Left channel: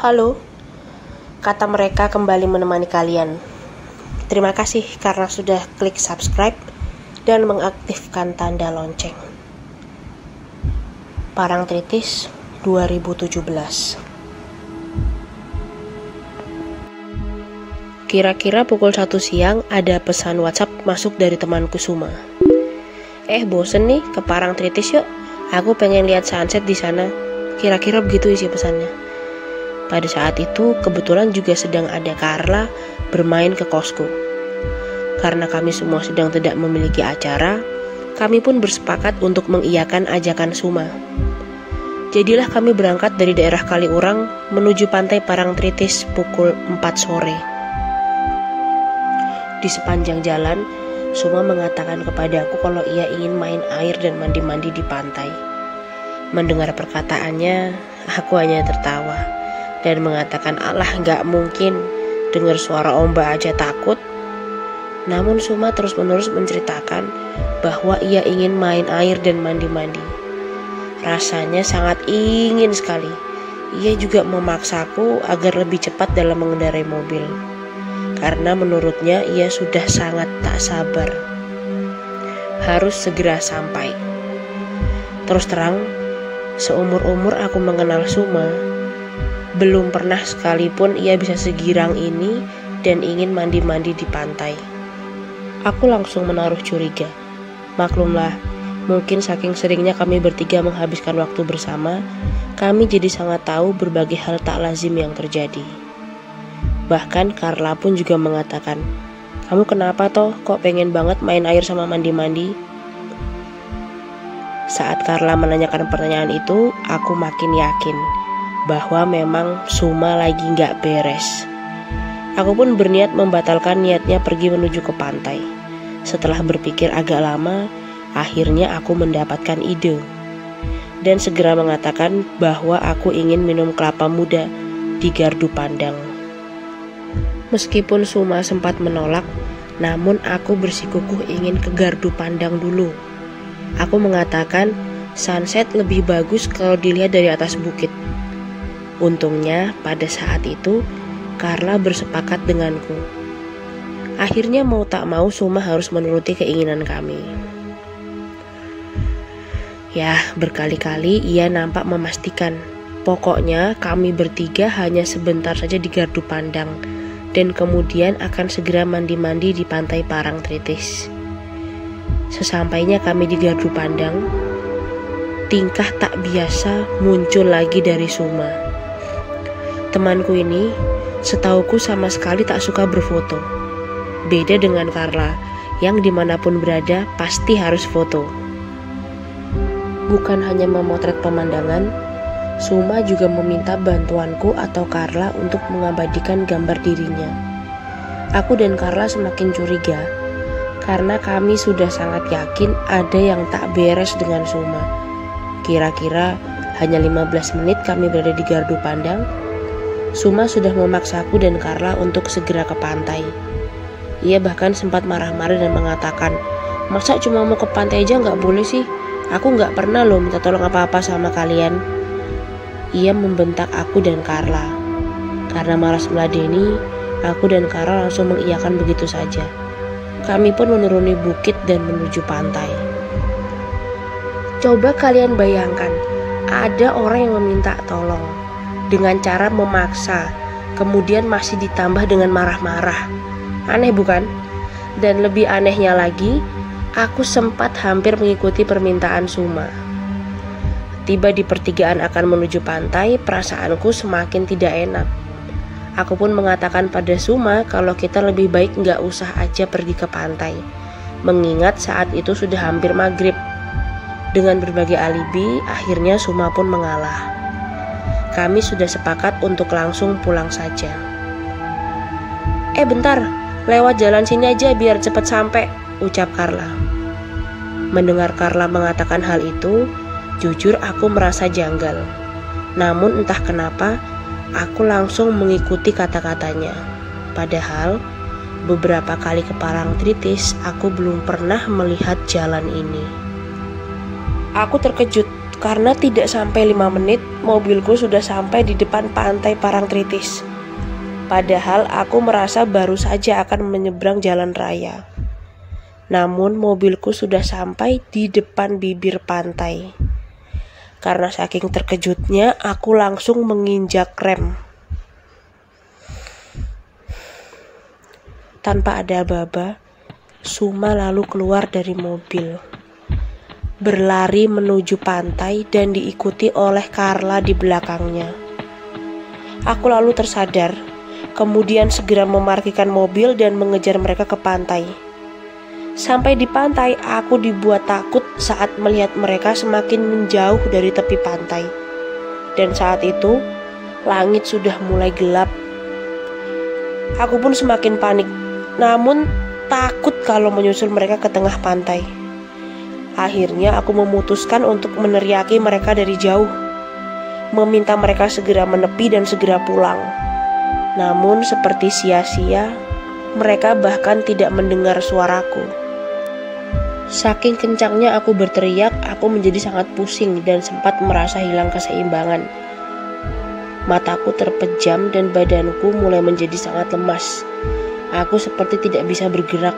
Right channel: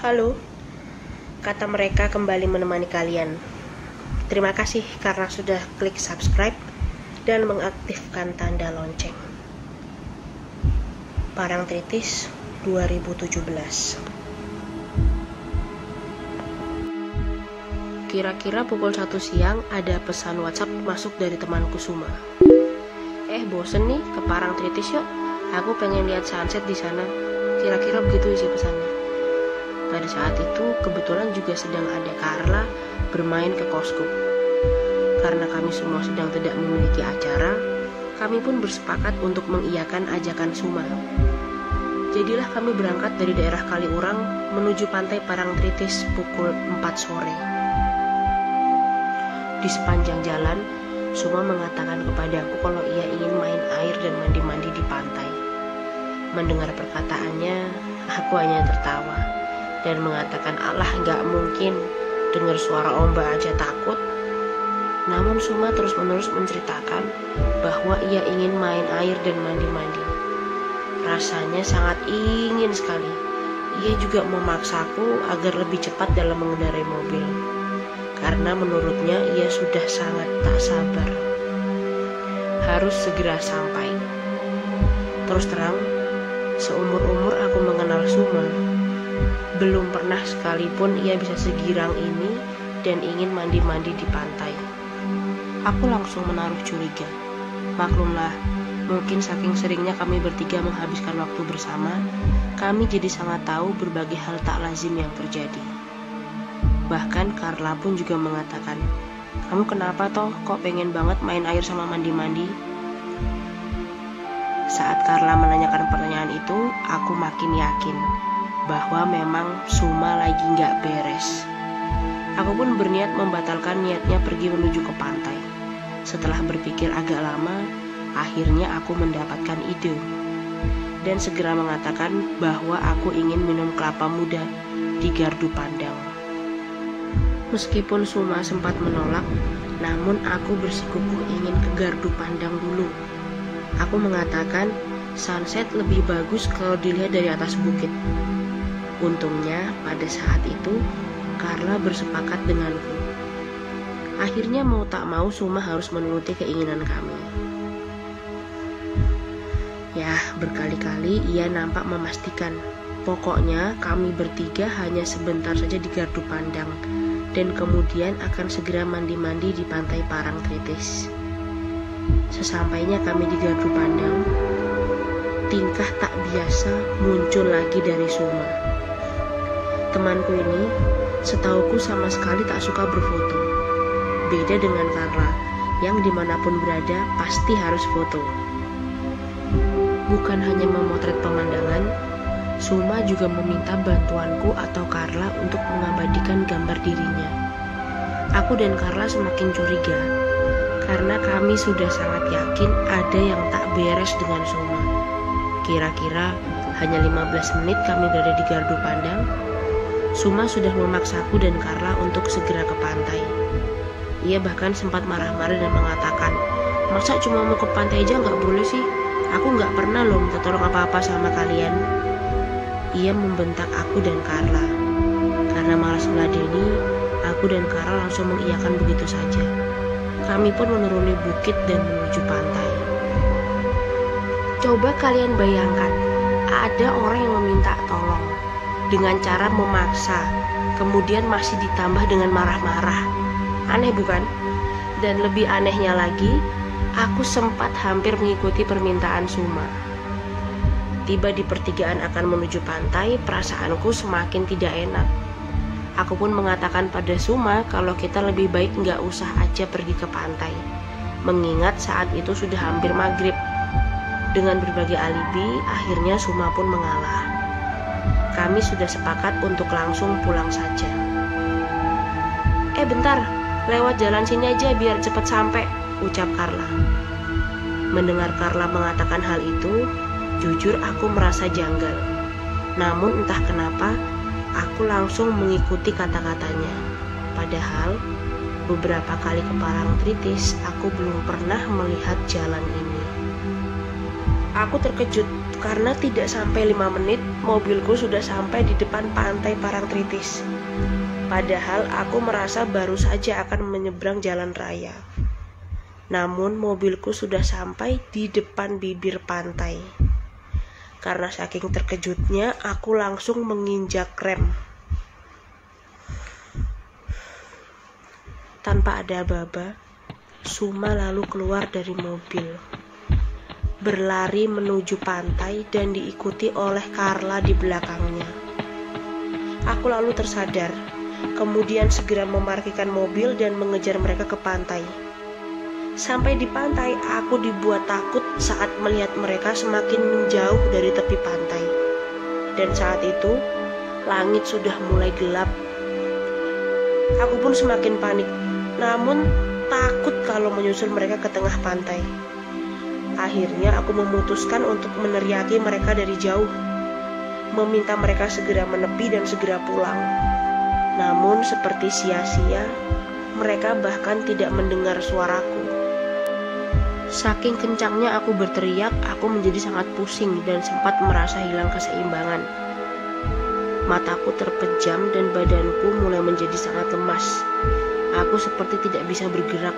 Halo, kata mereka kembali menemani kalian. Terima kasih karena sudah klik subscribe dan mengaktifkan tanda lonceng. Parangtritis 2017. Kira-kira pukul 1 siang ada pesan WhatsApp masuk dari temanku Suma. Bosen nih ke Parangtritis yuk. Aku pengen lihat sunset di sana. Kira-kira begitu isi pesannya. Pada saat itu kebetulan juga sedang ada Carla bermain ke kosku. Karena kami semua sedang tidak memiliki acara, kami pun bersepakat untuk mengiyakan ajakan Suma. Jadilah kami berangkat dari daerah Kaliurang menuju pantai Parangtritis pukul 4 sore. Di sepanjang jalan, Suma mengatakan kepadaku kalau ia ingin main air dan mandi-mandi di pantai. Mendengar perkataannya, aku hanya tertawa dan mengatakan, alah gak mungkin, dengar suara ombak aja takut. Namun Suma terus-menerus menceritakan bahwa ia ingin main air dan mandi-mandi. Rasanya sangat ingin sekali. Ia juga memaksaku agar lebih cepat dalam mengendarai mobil, karena menurutnya ia sudah sangat tak sabar. Harus segera sampai. Terus terang, seumur-umur aku mengenal Suma, belum pernah sekalipun ia bisa segirang ini dan ingin mandi-mandi di pantai. Aku langsung menaruh curiga. Maklumlah, mungkin saking seringnya kami bertiga menghabiskan waktu bersama, kami jadi sangat tahu berbagai hal tak lazim yang terjadi. Bahkan Carla pun juga mengatakan, kamu kenapa toh kok pengen banget main air sama mandi-mandi? Saat Carla menanyakan pertanyaan itu, aku makin yakin bahwa memang Suma lagi gak beres. Aku pun berniat membatalkan niatnya pergi menuju ke pantai. Setelah berpikir agak lama, akhirnya aku mendapatkan ide dan segera mengatakan bahwa aku ingin minum kelapa muda di Gardu Pandang. Meskipun Suma sempat menolak, namun aku bersikukuh ingin ke Gardu Pandang dulu. Aku mengatakan sunset lebih bagus kalau dilihat dari atas bukit. Untungnya pada saat itu Carla bersepakat denganku. Akhirnya mau tak mau Suma harus menuruti keinginan kami. Ya, berkali-kali ia nampak memastikan pokoknya kami bertiga hanya sebentar saja di Gardu Pandang dan kemudian akan segera mandi-mandi di pantai Parangtritis. Sesampainya kami di Gardu Pandang, tingkah tak biasa muncul lagi dari Suma. Temanku ini setauku sama sekali tak suka berfoto. Beda dengan Carla yang dimanapun berada pasti harus foto. Bukan hanya memotret pemandangan, Suma juga meminta bantuanku atau Carla untuk mengabadikan gambar dirinya. Aku dan Carla semakin curiga karena kami sudah sangat yakin ada yang tak beres dengan Suma. Kira-kira hanya 15 menit kami berada di Gardu Pandang, Suma sudah memaksaku dan Carla untuk segera ke pantai. Ia bahkan sempat marah-marah dan mengatakan, masa cuma mau ke pantai aja gak boleh sih? Aku gak pernah loh minta tolong apa-apa sama kalian. Ia membentak aku dan Carla. Karena malas meladeni, aku dan Carla langsung mengiyakan begitu saja. Kami pun menuruni bukit dan menuju pantai. Coba kalian bayangkan, ada orang yang meminta tolong dengan cara memaksa, kemudian masih ditambah dengan marah-marah. Aneh bukan? Dan lebih anehnya lagi, aku sempat hampir mengikuti permintaan Suma. Tiba di pertigaan akan menuju pantai, perasaanku semakin tidak enak. Aku pun mengatakan pada Suma kalau kita lebih baik gak usah aja pergi ke pantai, mengingat saat itu sudah hampir maghrib. Dengan berbagai alibi, akhirnya Suma pun mengalah. Kami sudah sepakat untuk langsung pulang saja. Bentar, lewat jalan sini aja biar cepat sampai, ucap Carla. Mendengar Carla mengatakan hal itu, jujur aku merasa janggal. Namun entah kenapa, aku langsung mengikuti kata-katanya. Padahal, beberapa kali ke Parangtritis, aku belum pernah melihat jalan ini. Aku terkejut karena tidak sampai 5 menit mobilku sudah sampai di depan pantai Parangtritis. Padahal aku merasa baru saja akan menyeberang jalan raya. Namun mobilku sudah sampai di depan bibir pantai. Karena saking terkejutnya, aku langsung menginjak rem. Tanpa ada aba-aba, Suma lalu keluar dari mobil, berlari menuju pantai dan diikuti oleh Carla di belakangnya. Aku lalu tersadar, kemudian segera memarkirkan mobil dan mengejar mereka ke pantai. Sampai di pantai, aku dibuat takut saat melihat mereka semakin menjauh dari tepi pantai. Dan saat itu, langit sudah mulai gelap. Aku pun semakin panik, namun takut kalau menyusul mereka ke tengah pantai. Akhirnya aku memutuskan untuk meneriaki mereka dari jauh, meminta mereka segera menepi dan segera pulang. Namun seperti sia-sia, mereka bahkan tidak mendengar suaraku. Saking kencangnya aku berteriak, aku menjadi sangat pusing dan sempat merasa hilang keseimbangan. Mataku terpejam dan badanku mulai menjadi sangat lemas. Aku seperti tidak bisa bergerak.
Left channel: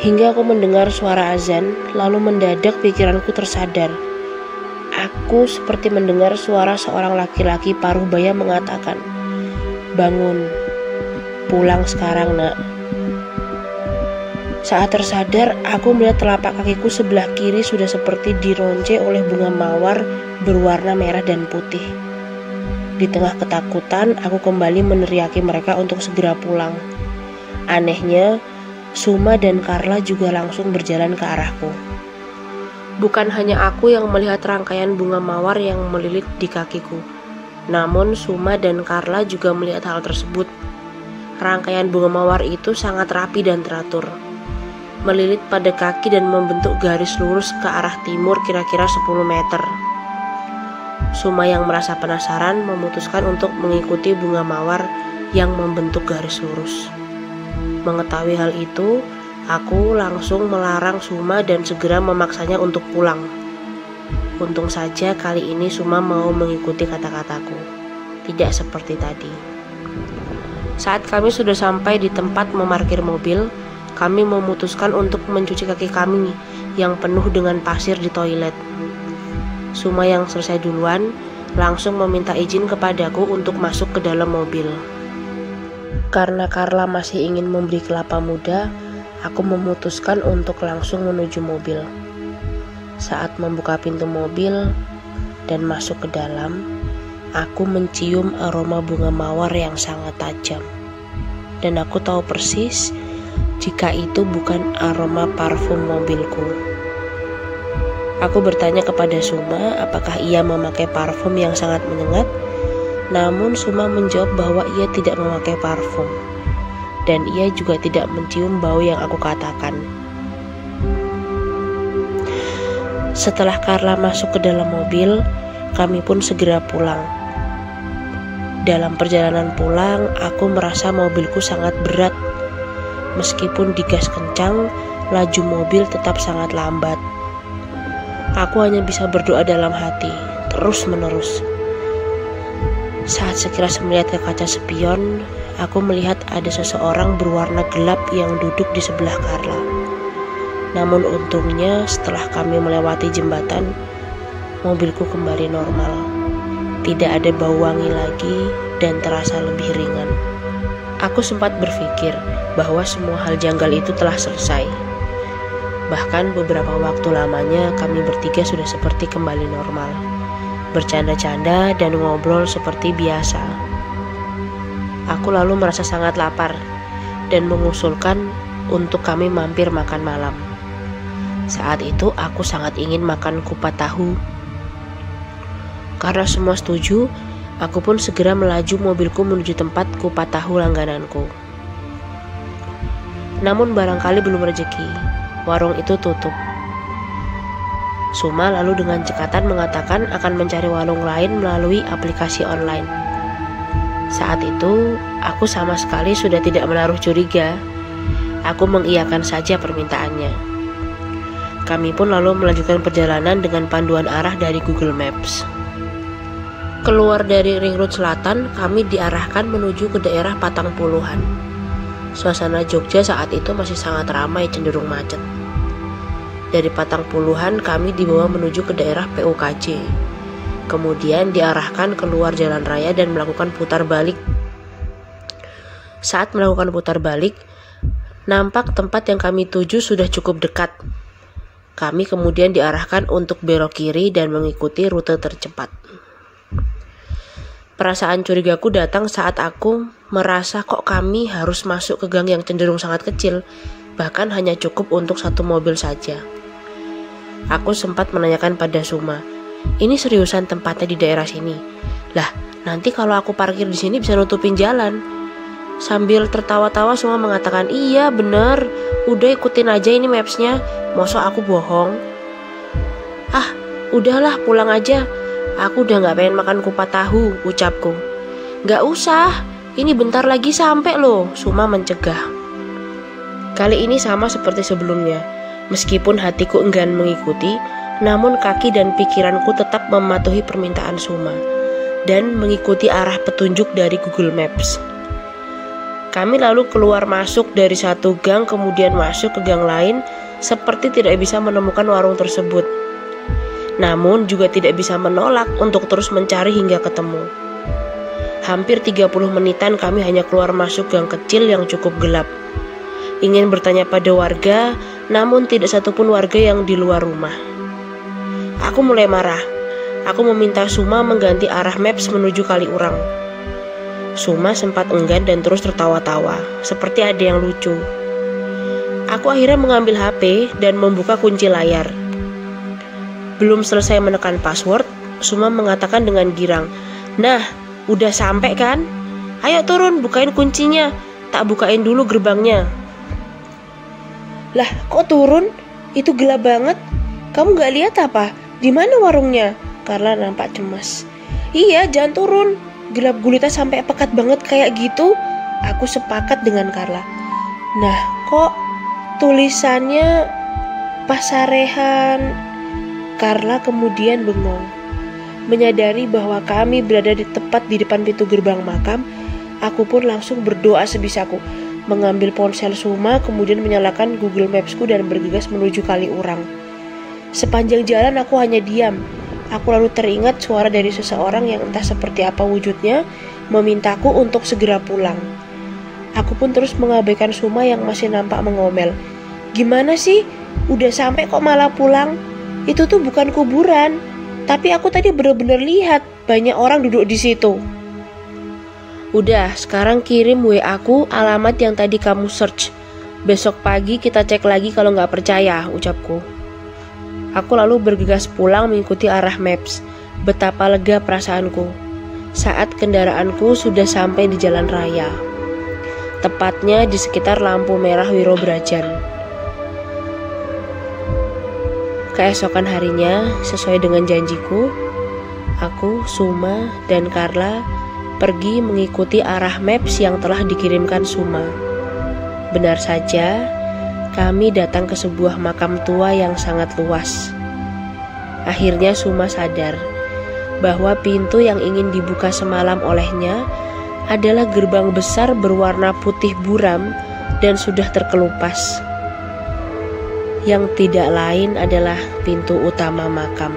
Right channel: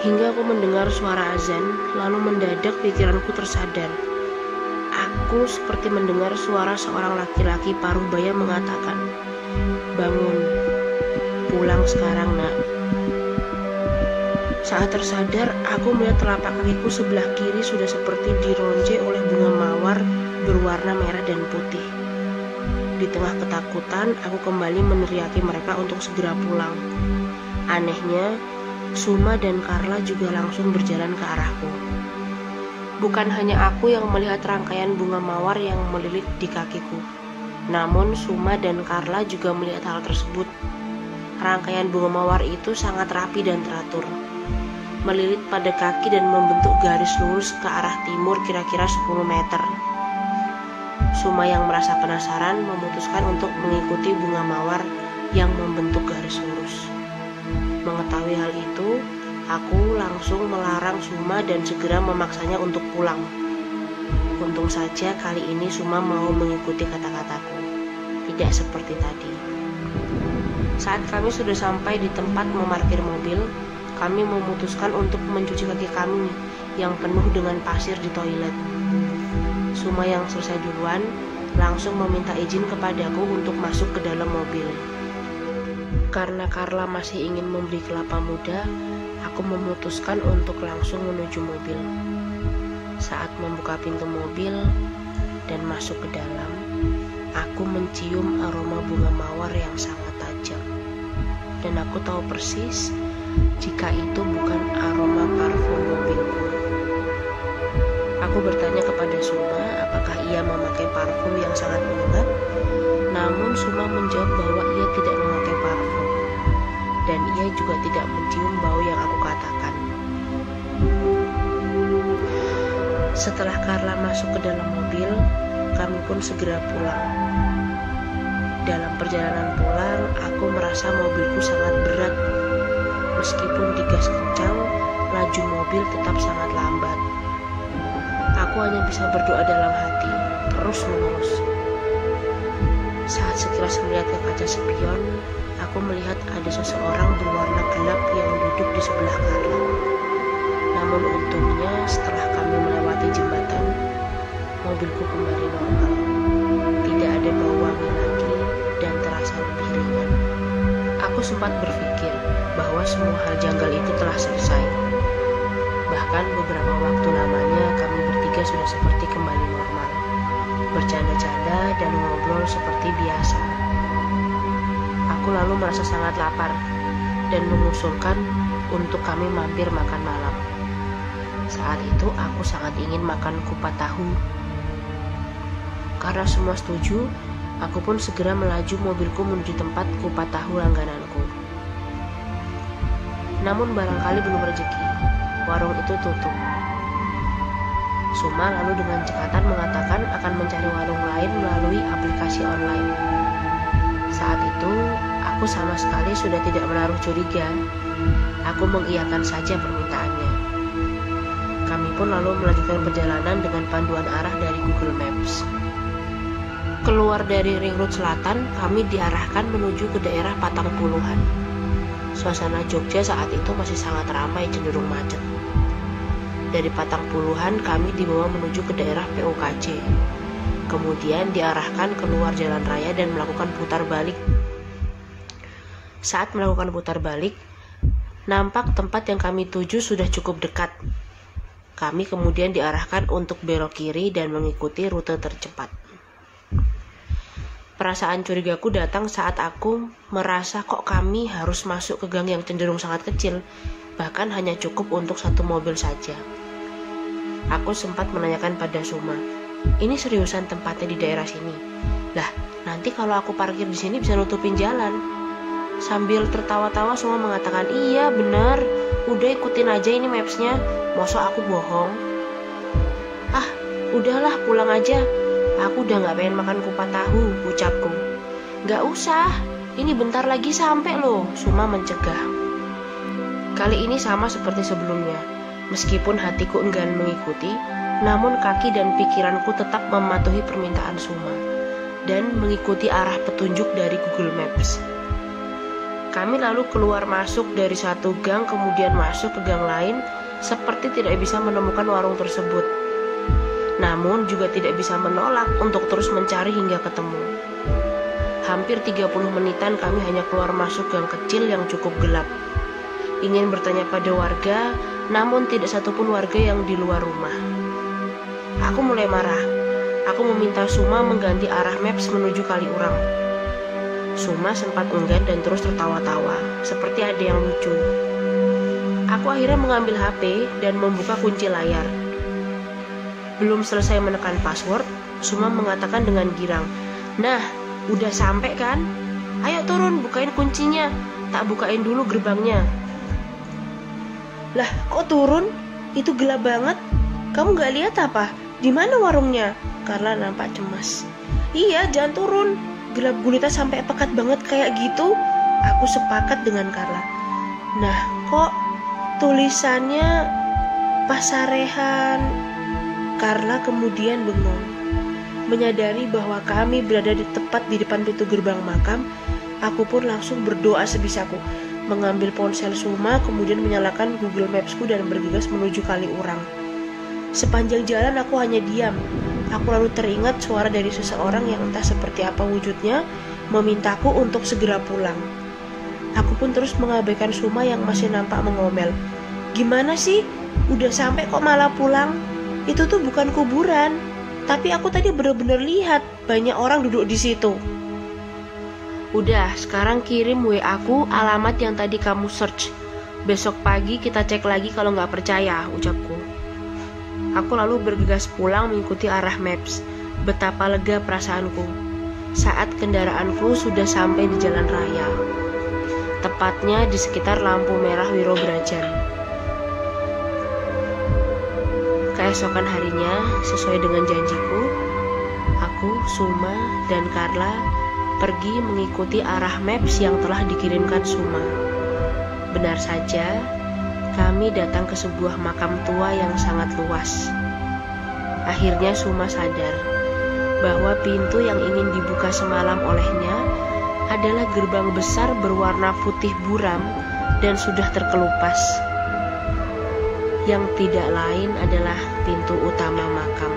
Hingga aku mendengar suara azan, lalu mendadak pikiranku tersadar. Aku seperti mendengar suara seorang laki-laki paruh baya mengatakan, "Bangun, pulang sekarang nak." Saat tersadar, aku melihat telapak kakiku sebelah kiri sudah seperti dironce oleh bunga mawar berwarna merah dan putih. Di tengah ketakutan, aku kembali meneriaki mereka untuk segera pulang. Anehnya, Suma dan Carla juga langsung berjalan ke arahku. Bukan hanya aku yang melihat rangkaian bunga mawar yang melilit di kakiku, namun Suma dan Carla juga melihat hal tersebut. Rangkaian bunga mawar itu sangat rapi dan teratur, melilit pada kaki dan membentuk garis lurus ke arah timur kira-kira 10 meter. Suma yang merasa penasaran memutuskan untuk mengikuti bunga mawar yang membentuk garis lurus. Mengetahui hal itu, aku langsung melarang Suma dan segera memaksanya untuk pulang. Untung saja kali ini Suma mau mengikuti kata-kataku, tidak seperti tadi. Saat kami sudah sampai di tempat memarkir mobil, kami memutuskan untuk mencuci kaki kami yang penuh dengan pasir di toilet. Suma yang selesai duluan langsung meminta izin kepadaku untuk masuk ke dalam mobil. Karena Carla masih ingin membeli kelapa muda, aku memutuskan untuk langsung menuju mobil. Saat membuka pintu mobil dan masuk ke dalam, aku mencium aroma bunga mawar yang sangat tajam. Dan aku tahu persis jika itu bukan aroma parfum mobilku. Aku bertanya kepada Suma apakah ia memakai parfum yang sangat menyengat. Namun Suma menjawab bahwa ia tidak memakai parfum, dan ia juga tidak mencium bau yang aku katakan. Setelah Carla masuk ke dalam mobil, kami pun segera pulang. Dalam perjalanan pulang, aku merasa mobilku sangat berat. Meskipun digas kencang, laju mobil tetap sangat lambat. Aku hanya bisa berdoa dalam hati, terus-menerus. Saat sekilas melihat ke kaca spion, aku melihat ada seseorang berwarna gelap yang duduk di sebelah Carla. Namun untungnya setelah kami melewati jembatan, mobilku kembali normal. Tidak ada bau wangi lagi dan terasa lebih ringan. Aku sempat berpikir bahwa semua hal janggal itu telah selesai. Bahkan beberapa waktu lamanya kami bertiga sudah seperti kembali normal, bercanda-canda dan ngobrol seperti biasa. Aku lalu merasa sangat lapar dan mengusulkan untuk kami mampir makan malam. Saat itu aku sangat ingin makan kupat tahu. Karena semua setuju, aku pun segera melaju mobilku menuju tempat kupat tahu langgananku. Namun barangkali belum rezeki, warung itu tutup. Suma lalu dengan cekatan mengatakan akan mencari warung lain melalui aplikasi online. Saat itu, aku sama sekali sudah tidak menaruh curiga. Aku mengiyakan saja permintaannya. Kami pun lalu melanjutkan perjalanan dengan panduan arah dari Google Maps. Keluar dari Ring Road Selatan, kami diarahkan menuju ke daerah Patangpuluhan. Suasana Jogja saat itu masih sangat ramai, cenderung macet. Dari Patangpuluhan kami dibawa menuju ke daerah PUKJ. Kemudian diarahkan keluar jalan raya dan melakukan putar balik. Saat melakukan putar balik, nampak tempat yang kami tuju sudah cukup dekat. Kami kemudian diarahkan untuk belok kiri dan mengikuti rute tercepat. Perasaan curigaku datang saat aku merasa kok kami harus masuk ke gang yang cenderung sangat kecil, bahkan hanya cukup untuk satu mobil saja. Aku sempat menanyakan pada Suma, ini seriusan tempatnya di daerah sini? Lah, nanti kalau aku parkir di sini bisa nutupin jalan. Sambil tertawa-tawa Suma mengatakan, iya bener, udah ikutin aja ini mapsnya, masa aku bohong? Ah, udahlah pulang aja. Aku udah gak pengen makan kupat tahu, ucapku. Gak usah, ini bentar lagi sampai loh, Suma mencegah. Kali ini sama seperti sebelumnya. Meskipun hatiku enggan mengikuti, namun kaki dan pikiranku tetap mematuhi permintaan Suma dan mengikuti arah petunjuk dari Google Maps. Kami lalu keluar masuk dari satu gang, kemudian masuk ke gang lain, seperti tidak bisa menemukan warung tersebut. Namun juga tidak bisa menolak untuk terus mencari hingga ketemu. Hampir 30 menitan kami hanya keluar masuk gang kecil yang cukup gelap. Ingin bertanya pada warga, namun tidak satupun warga yang di luar rumah. Aku mulai marah. Aku meminta Suma mengganti arah maps menuju Kaliurang. Suma sempat enggan dan terus tertawa-tawa, seperti ada yang lucu. Aku akhirnya mengambil HP dan membuka kunci layar. Belum selesai menekan password, Suma mengatakan dengan girang, nah, udah sampai kan? Ayo turun, bukain kuncinya. Tak bukain dulu gerbangnya. Lah, kok turun? Itu gelap banget. Kamu gak lihat apa? Di mana warungnya? Carla nampak cemas. Iya, jangan turun. Gelap gulita sampai pekat banget kayak gitu. Aku sepakat dengan Carla. Nah, kok tulisannya Pasarehan? Carla kemudian bengong. Menyadari bahwa kami berada tepat di depan pintu gerbang makam, aku pun langsung berdoa sebisaku, mengambil ponsel Suma, kemudian menyalakan Google Maps-ku dan bergegas menuju Kaliurang. Sepanjang jalan aku hanya diam. Aku lalu teringat suara dari seseorang yang entah seperti apa wujudnya, memintaku untuk segera pulang. Aku pun terus mengabaikan Suma yang masih nampak mengomel. Gimana sih? Udah sampai kok malah pulang? Itu tuh bukan kuburan, tapi aku tadi benar-benar lihat banyak orang duduk di situ. Udah, sekarang kirim WA aku alamat yang tadi kamu search. Besok pagi kita cek lagi kalau nggak percaya, ucapku. Aku lalu bergegas pulang mengikuti arah maps. Betapa lega perasaanku saat kendaraanku sudah sampai di jalan raya, tepatnya di sekitar lampu merah Wirobrajan. Keesokan harinya, sesuai dengan janjiku, aku, Suma, dan Carla pergi mengikuti arah maps yang telah dikirimkan Suma. Benar saja, kami datang ke sebuah makam tua yang sangat luas. Akhirnya Suma sadar bahwa pintu yang ingin dibuka semalam olehnya adalah gerbang besar berwarna putih buram dan sudah terkelupas. Yang tidak lain adalah pintu utama makam.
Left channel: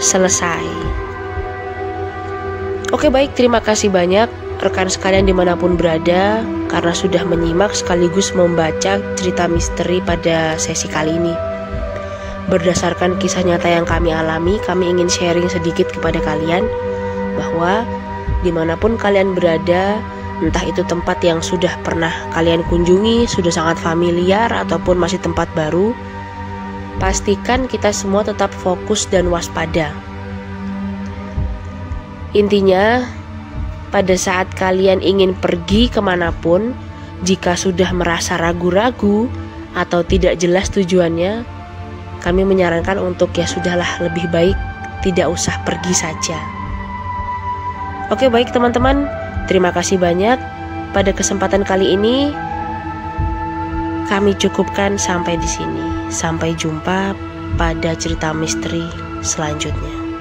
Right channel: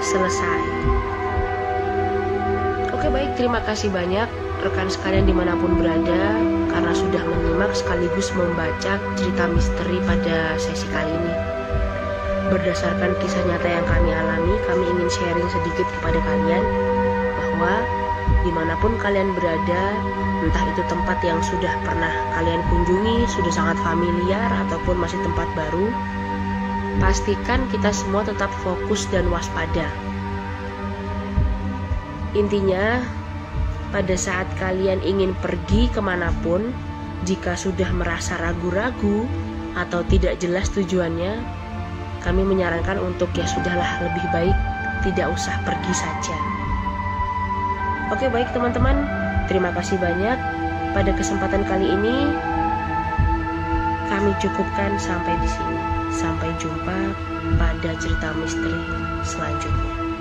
Selesai. Oke, baik, terima kasih banyak rekan sekalian dimanapun berada karena sudah menyimak sekaligus membaca cerita misteri pada sesi kali ini. Berdasarkan kisah nyata yang kami alami, kami ingin sharing sedikit kepada kalian bahwa dimanapun kalian berada, entah itu tempat yang sudah pernah kalian kunjungi, sudah sangat familiar, ataupun masih tempat baru, pastikan kita semua tetap fokus dan waspada. Intinya, pada saat kalian ingin pergi kemanapun, jika sudah merasa ragu-ragu atau tidak jelas tujuannya, kami menyarankan untuk ya sudahlah, lebih baik tidak usah pergi saja. Oke, baik teman-teman, terima kasih banyak. pada kesempatan kali ini kami cukupkan sampai di sini. Sampai jumpa pada cerita misteri selanjutnya.